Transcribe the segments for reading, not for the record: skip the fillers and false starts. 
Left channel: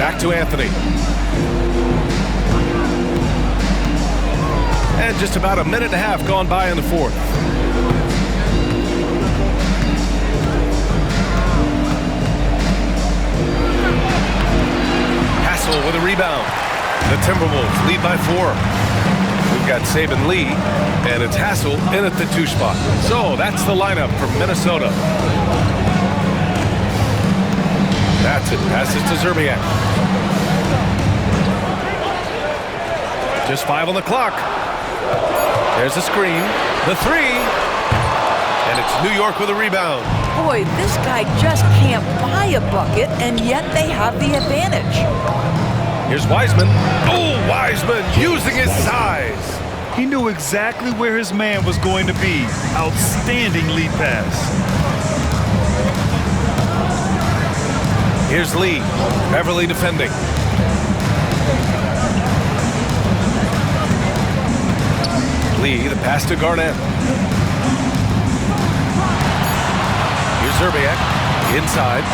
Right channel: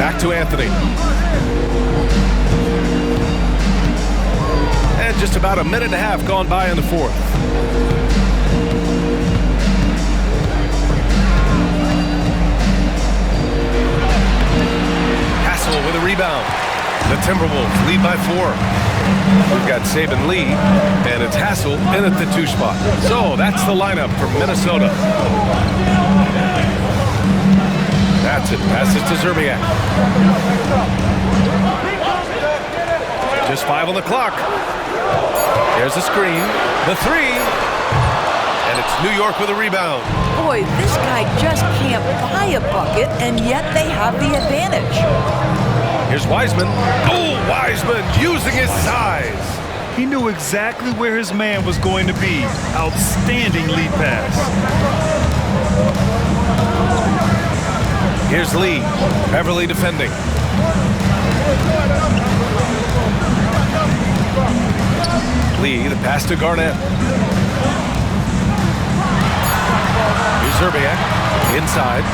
Back to Anthony. And just about a minute and a half gone by in the fourth. Hassel with a rebound. The Timberwolves lead by 4. We've got Saban Lee, and it's Hassel in at the 2 spot. So that's the lineup for Minnesota. That's it. Passes to Zerbiak. Just 5 on the clock. There's a screen. The 3. And it's New York with a rebound. Boy, this guy just can't buy a bucket, and yet they have the advantage. Here's Wiseman. Oh, Wiseman using his size. He knew exactly where his man was going to be. Outstanding lead pass. Here's Lee. Beverly defending. Lee, the pass to Garnett. Here's Zerbiak. Inside.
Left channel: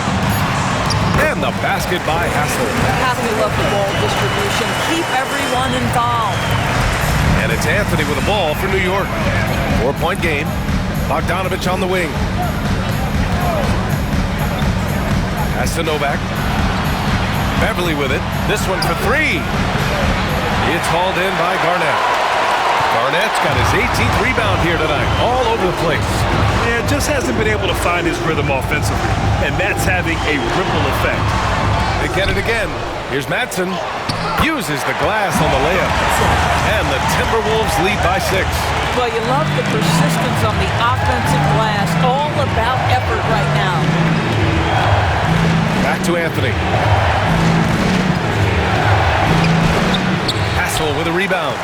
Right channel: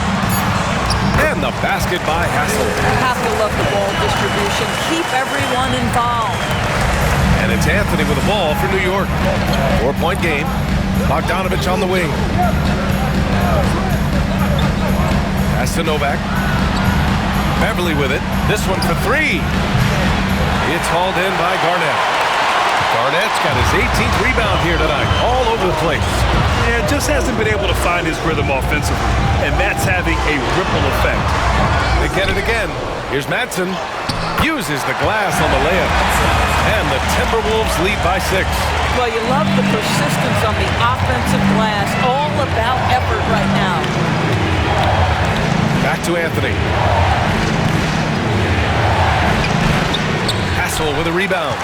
And the basket by Hassel. Have to love the ball distribution. Keep everyone involved. And it's Anthony with the ball for New York. 4-point game. Bogdanovich on the wing. Pass to Novak. Beverly with it. This one for 3. It's hauled in by Garnett. Garnett's got his 18th rebound here tonight. All over the place. Yeah, just hasn't been able to find his rhythm offensively. And that's having a ripple effect. They get it again. Here's Madsen. Uses the glass on the layup. And the Timberwolves lead by 6. Well, you love the persistence on the offensive glass. All about effort right now. Back to Anthony. Hassel with a rebound.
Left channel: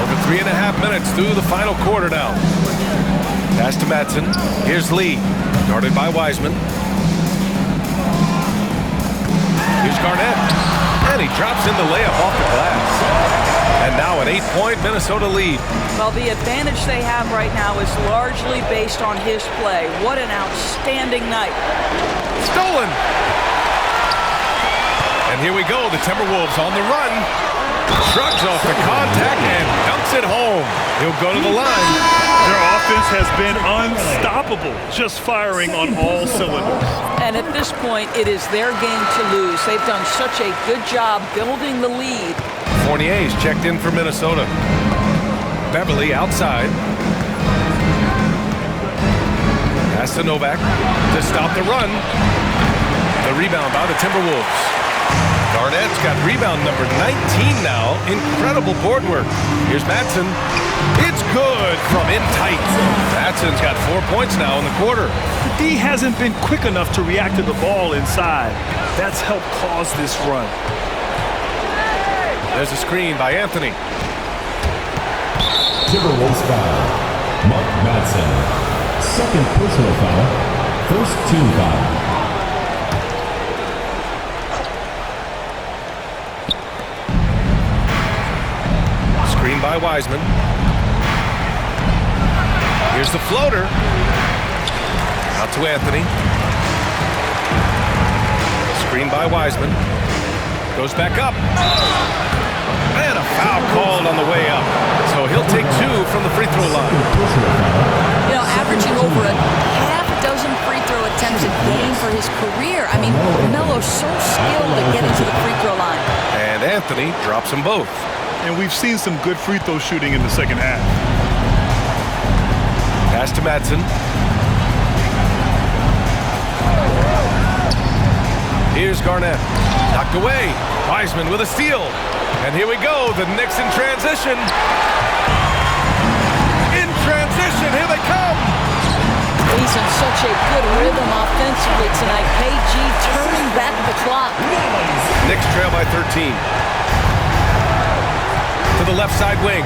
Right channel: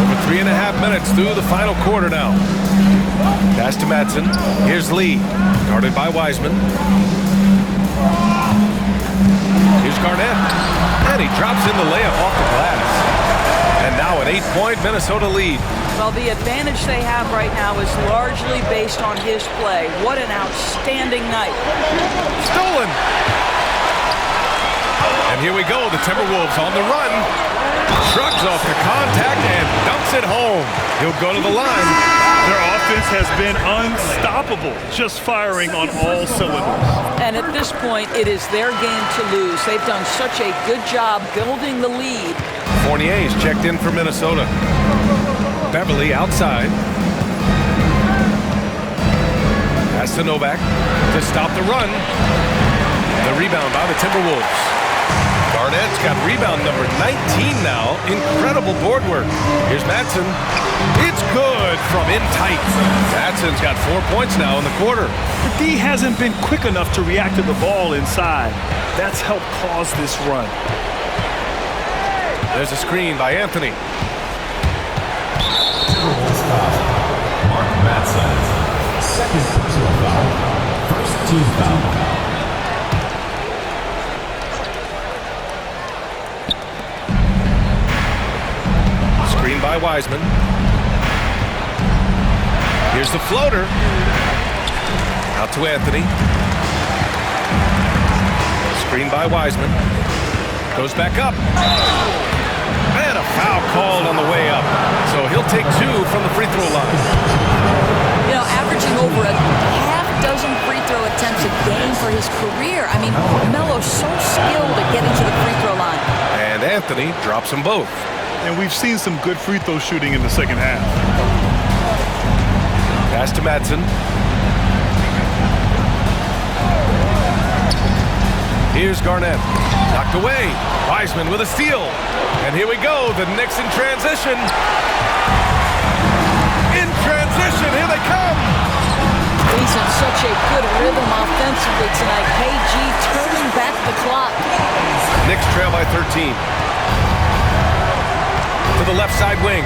Over 3.5 minutes through the final quarter now. Pass to Madsen. Here's Lee. Guarded by Wiseman. Here's Garnett. And he drops in the layup off the glass. And now an 8-point Minnesota lead. Well, the advantage they have right now is largely based on his play. What an outstanding night. Stolen. And here we go. The Timberwolves on the run. Shrugs off the contact and dunks it home. He'll go to the line. Their offense has been unstoppable, just firing on all cylinders. And at this point, it is their game to lose. They've done such a good job building the lead. Fournier's checked in for Minnesota. Beverly outside. Pass to Novak to stop the run. The rebound by the Timberwolves. Garnett's got rebound number 19 now. Incredible board work. Here's Madsen. It's good from in tight. Madsen's got 4 points now in the quarter. The D hasn't been quick enough to react to the ball inside. That's helped cause this run. There's a screen by Anthony. Timberwolves foul. Mark Madsen. Second personal foul. First team foul. Screen by Wiseman. Here's the floater. Out to Anthony. Screen by Wiseman. Goes back up. And a foul called on the way up. So he'll take 2 from the free throw line. You know, averaging over a half-dozen free throw attempts a game for his career. I mean, Melo's so skilled at getting to the free throw line. And Anthony drops them both. And we've seen some good free throw shooting in the second half. Pass to Madsen. Here's Garnett. Knocked away. Wiseman with a steal. And here we go. The Knicks in transition. In transition. Here they come. He's in such a good rhythm offensively tonight. KG turning back the clock. Knicks trail by 13. To the left side wing.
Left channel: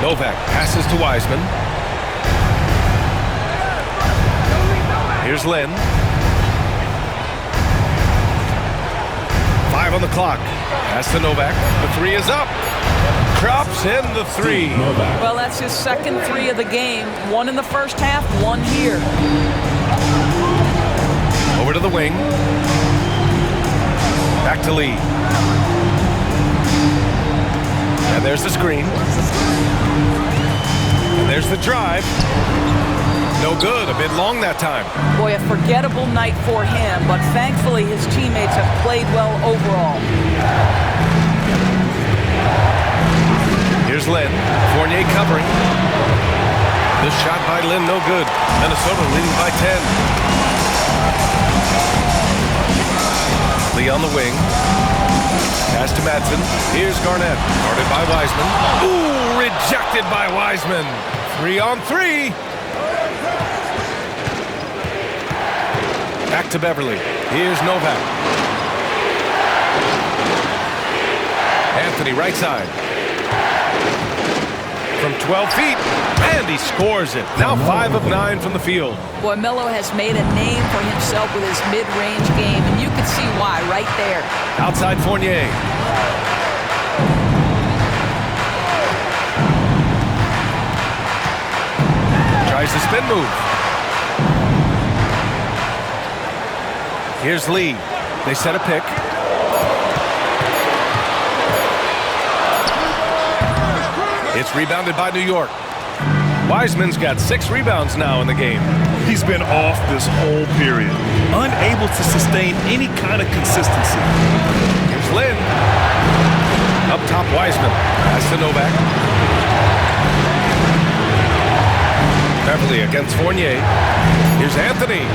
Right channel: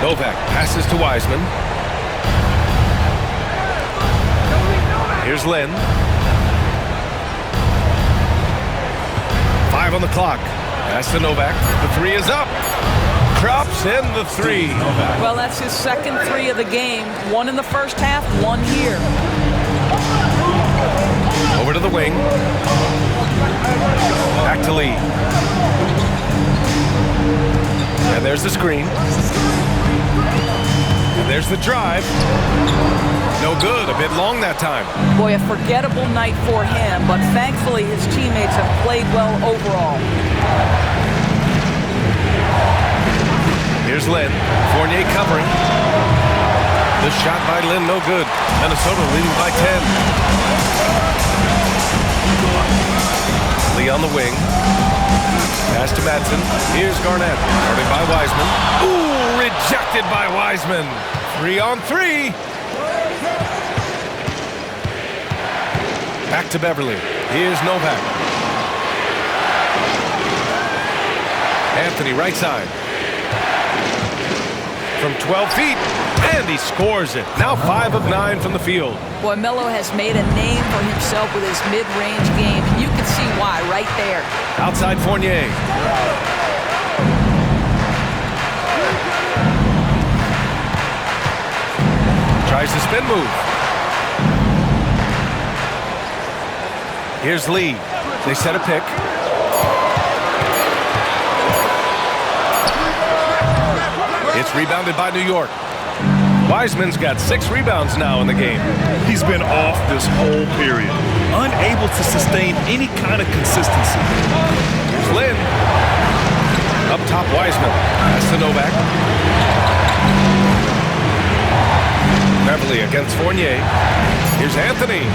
Novak passes to Wiseman. Here's Len. 5 on the clock. Pass to Novak. The 3 is up. Drops in the 3. Well, that's his second 3 of the game. 1 in the first half, 1 here. Over to the wing. Back to Lee. And there's the screen. And there's the drive. No good, a bit long that time. Boy, a forgettable night for him, but thankfully his teammates have played well overall. Here's Lynn. Fournier covering. The shot by Lynn, no good. Minnesota leading by 10. Lee on the wing. Pass to Madsen. Here's Garnett. Guarded by Wiseman. Ooh, rejected by Wiseman. 3-on-3. Back to Beverly. Here's Novak. Anthony right side. From 12 feet. And he scores it. Now 5 of 9 from the field. Boy, Melo has made a name for himself with his mid-range game, and you can see why right there. Outside Fournier. Tries the spin move. Here's Lee. They set a pick. It's rebounded by New York. Wiseman's got 6 rebounds now in the game. He's been off this whole period, unable to sustain any kind of consistency. Here's Lynn. Up top, Wiseman. Pass to Novak. Beverly against Fournier. Here's Anthony.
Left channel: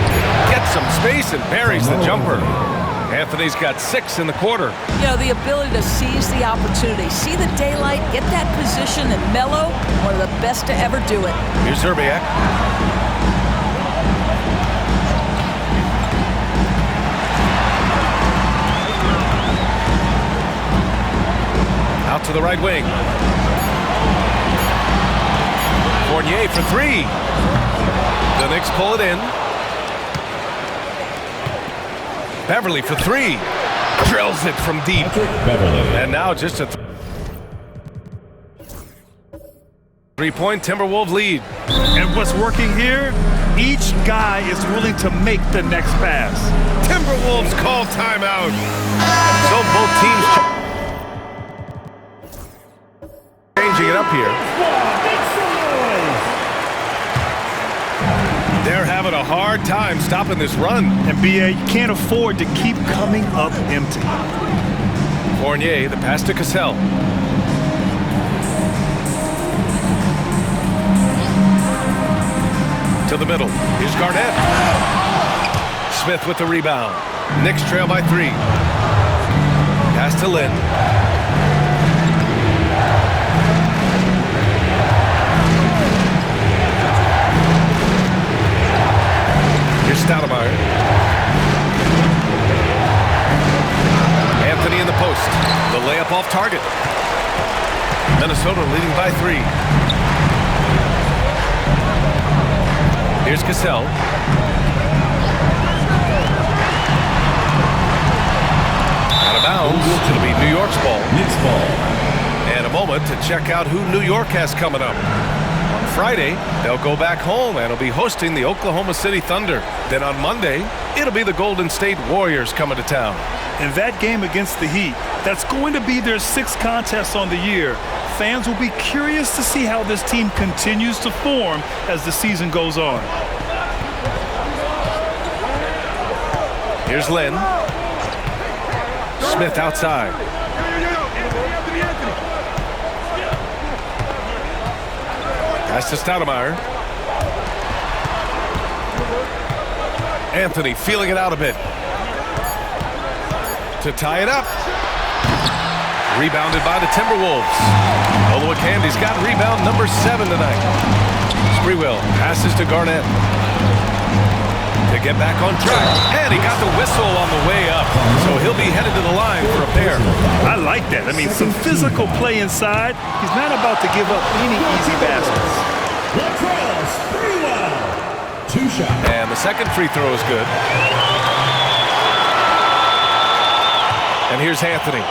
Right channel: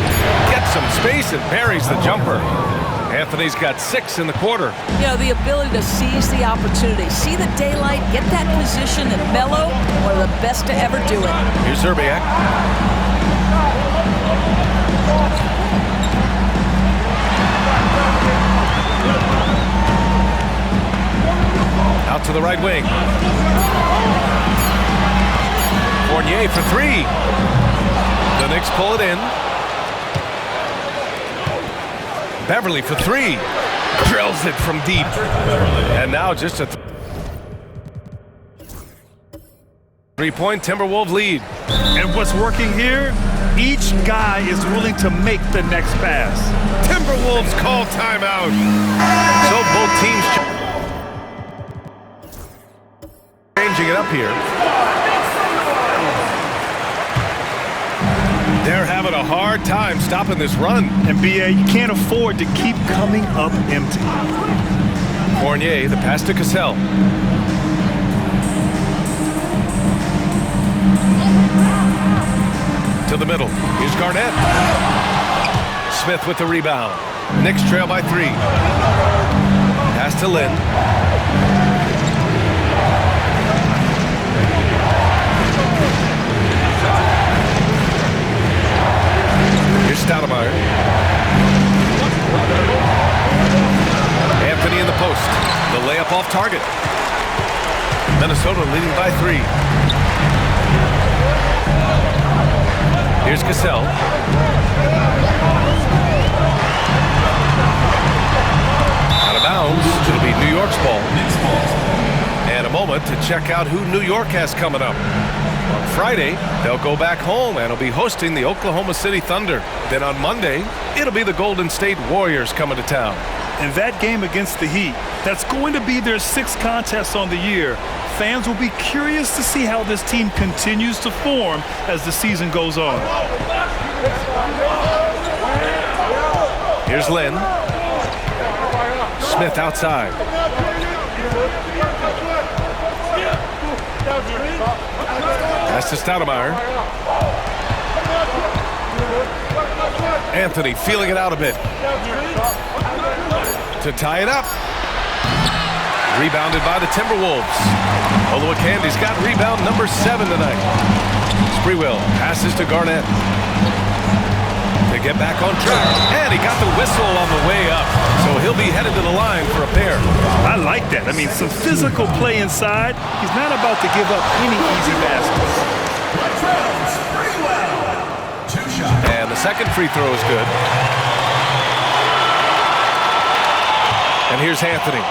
Gets some space and buries the jumper. Anthony's got 6 in the quarter. You know, the ability to seize the opportunity, see the daylight, get that position, and Melo, one of the best to ever do it. Here's Zerbiak. Out to the right wing. Fournier for 3. The Knicks pull it in. Beverly for 3. Drills it from deep. And now just a 3-point Timberwolves lead. And what's working here? Each guy is willing to make the next pass. Timberwolves call timeout. So both teams changing it up here. They're having a hard time stopping this run. And B.A., you can't afford to keep coming up empty. Fournier, the pass to Cassell. To the middle. Here's Garnett. Smith with the rebound. Knicks trail by 3. Pass to Lynn. Here's Stoudemire. Anthony in the post. The layup off target. Minnesota leading by 3. Here's Cassell. Out of bounds. It'll be New York's ball. Knicks ball. And a moment to check out who New York has coming up. On Friday, they'll go back home and will be hosting the Oklahoma City Thunder. Then on Monday, it'll be the Golden State Warriors coming to town. In that game against the Heat, that's going to be their 6th contest on the year. Fans will be curious to see how this team continues to form as the season goes on. Here's Lynn. Smith outside. Pass to Stoudemire. Anthony feeling it out a bit. To tie it up. Rebounded by the Timberwolves. Oluwakandi's got rebound number 7 tonight. Sprewell passes to Garnett. To get back on track. And he got the whistle on the way up. So he'll be headed to the line for a pair. I like that. I mean, some physical play inside. He's not about to give up any easy baskets. Latrell Sprewell. 2 shots. And the second free throw is good. And here's Anthony.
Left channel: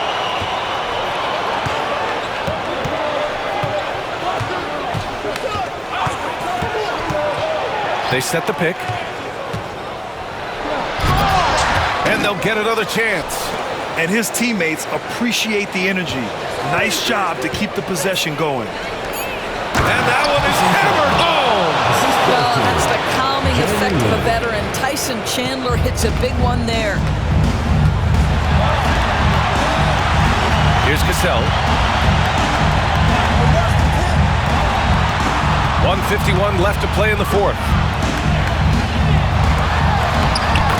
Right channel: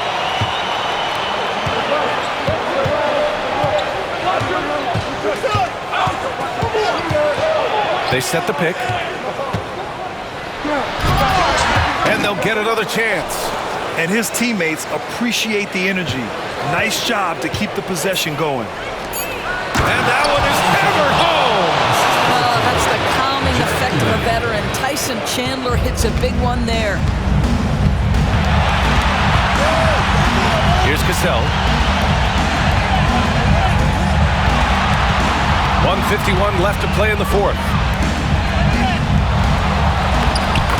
They set the pick. And they'll get another chance. And his teammates appreciate the energy. Nice job to keep the possession going. And that one is hammered home. Well, that's the calming effect of a veteran. Tyson Chandler hits a big one there. Here's Cassell. 1:51 left to play in the fourth.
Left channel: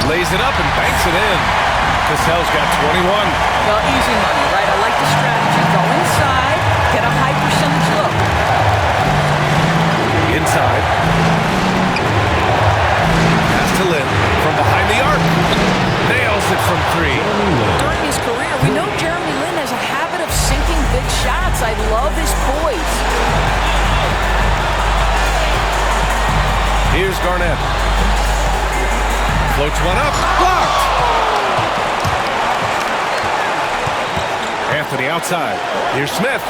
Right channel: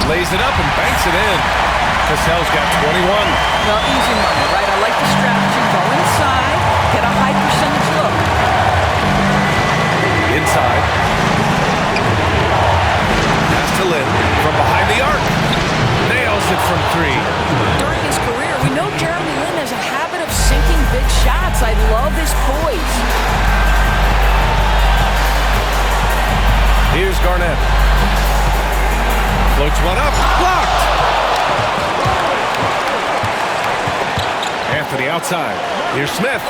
Lays it up and banks it in. Cassell's got 21. Well, easy money, right? I like the strategy. Go inside, get a high percentage look. Inside. Pass to Lynn from behind the arc. Nails it from 3. During his career, we know Jeremy Lin has a habit of sinking big shots. I love his poise. Here's Garnett. Floats one up. Blocked. Anthony outside. Here's Smith.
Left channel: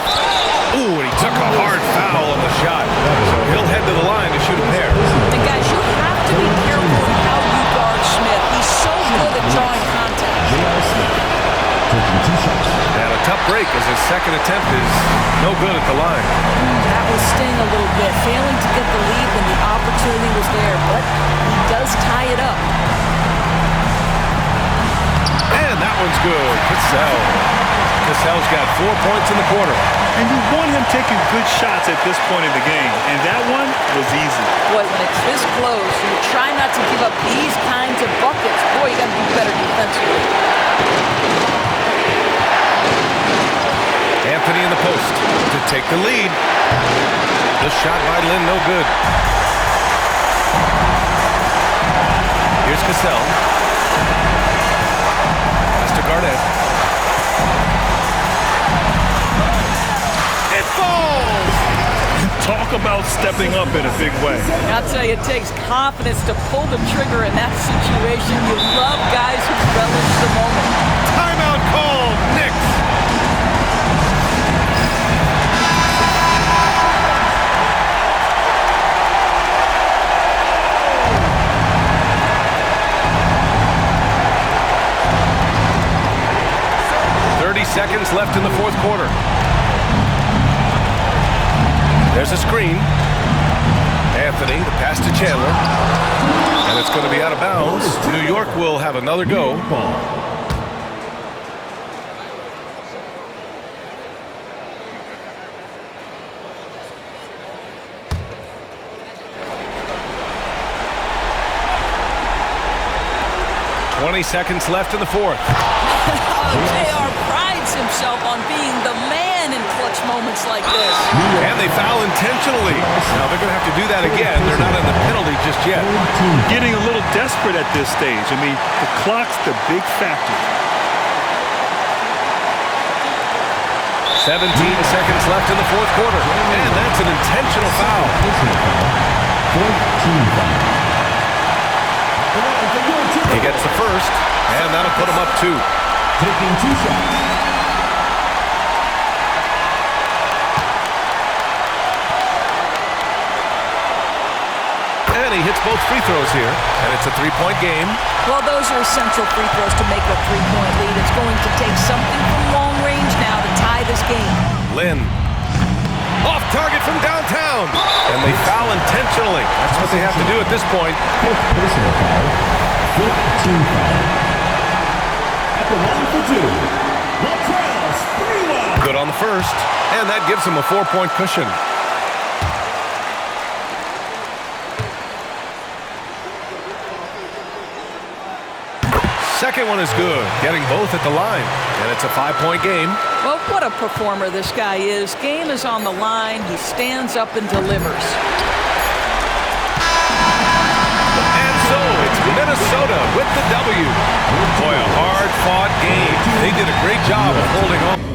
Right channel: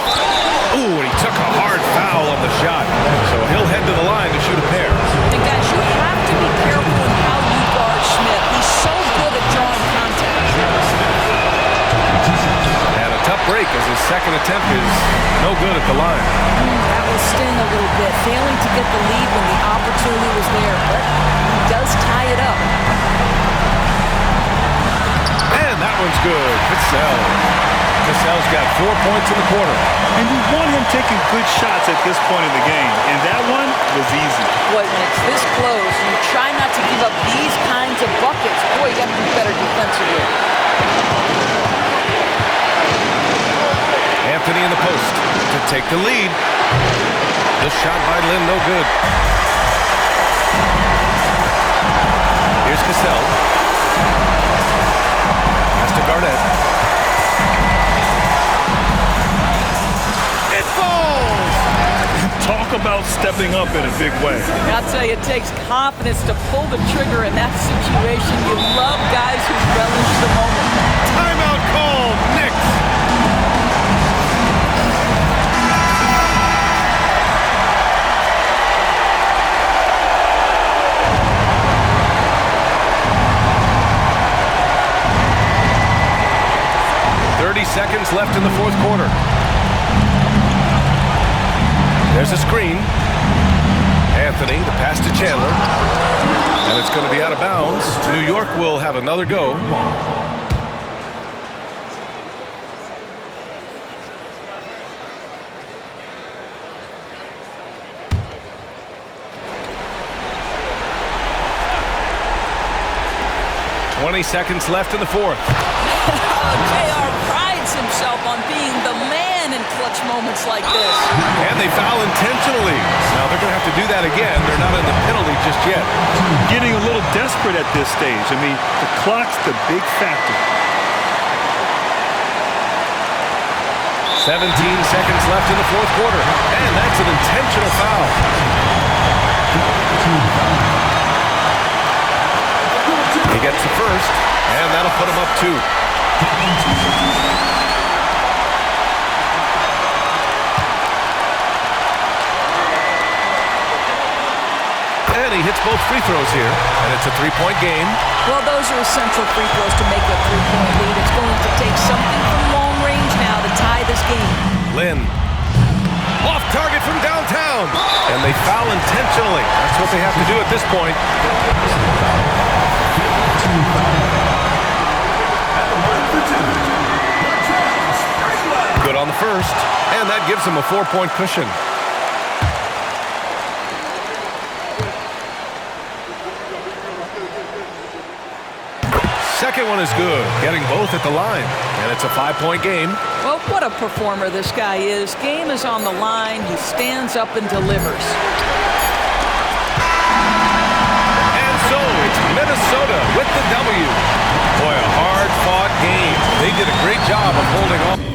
Ooh, and he took a hard foul on the shot. So he'll head to the line to shoot a pair. And guys, you have to be careful in how you guard Smith. He's so good at drawing contact. And a tough break as his second attempt is no good at the line. That will sting a little bit. Failing to get the lead when the opportunity was there, but he does tie it up. And that one's good. Cassell. Cassell's got 4 points in the quarter. And you want him taking good shots at this point in the game. And that one was easy. Boy, when it's this close, you try not to give up these kinds of buckets. Boy, you got to do better defensively. Anthony in the post to take the lead. The shot by Lynn, no good. Here's Cassell. Pass to Garnett. It falls! Talk about stepping up in a big way. I'll tell you, it takes confidence to pull the trigger in that situation. You love guys who relish the moment. Timeout called, Knicks. Seconds left in the fourth quarter. There's a screen. Anthony, the pass to Chandler. And it's going to be out of bounds. New York will have another go. "20 seconds left in the fourth. JR prides himself on being the man in clutch moments like this. And they foul intentionally. Now they're going to have to do that again. They're not in the penalty just yet. Getting a little desperate at this stage. I mean, the clock's the big factor. 17 seconds left in the fourth quarter. And that's an intentional foul. He gets the first, and that'll put him up 2. Taking 2 shots. And he hits both free throws here, and it's a 3-point game. Well, those are essential free throws to make a 3-point lead. It's going to take something from long range now to tie this game. Lynn. Off target from downtown. And they foul intentionally. That's what they have to do at this point. Personal foul. 15 foul. At the line for 2. Latrell Sprewell. Good on the first, and that gives him a 4-point cushion. Second one is good, getting both at the line, and it's a 5-point game. Well, what a performer this guy is. Game is on the line. He stands up and delivers. And so it's Minnesota with the W. Boy, a hard-fought game. They did a great job of holding on.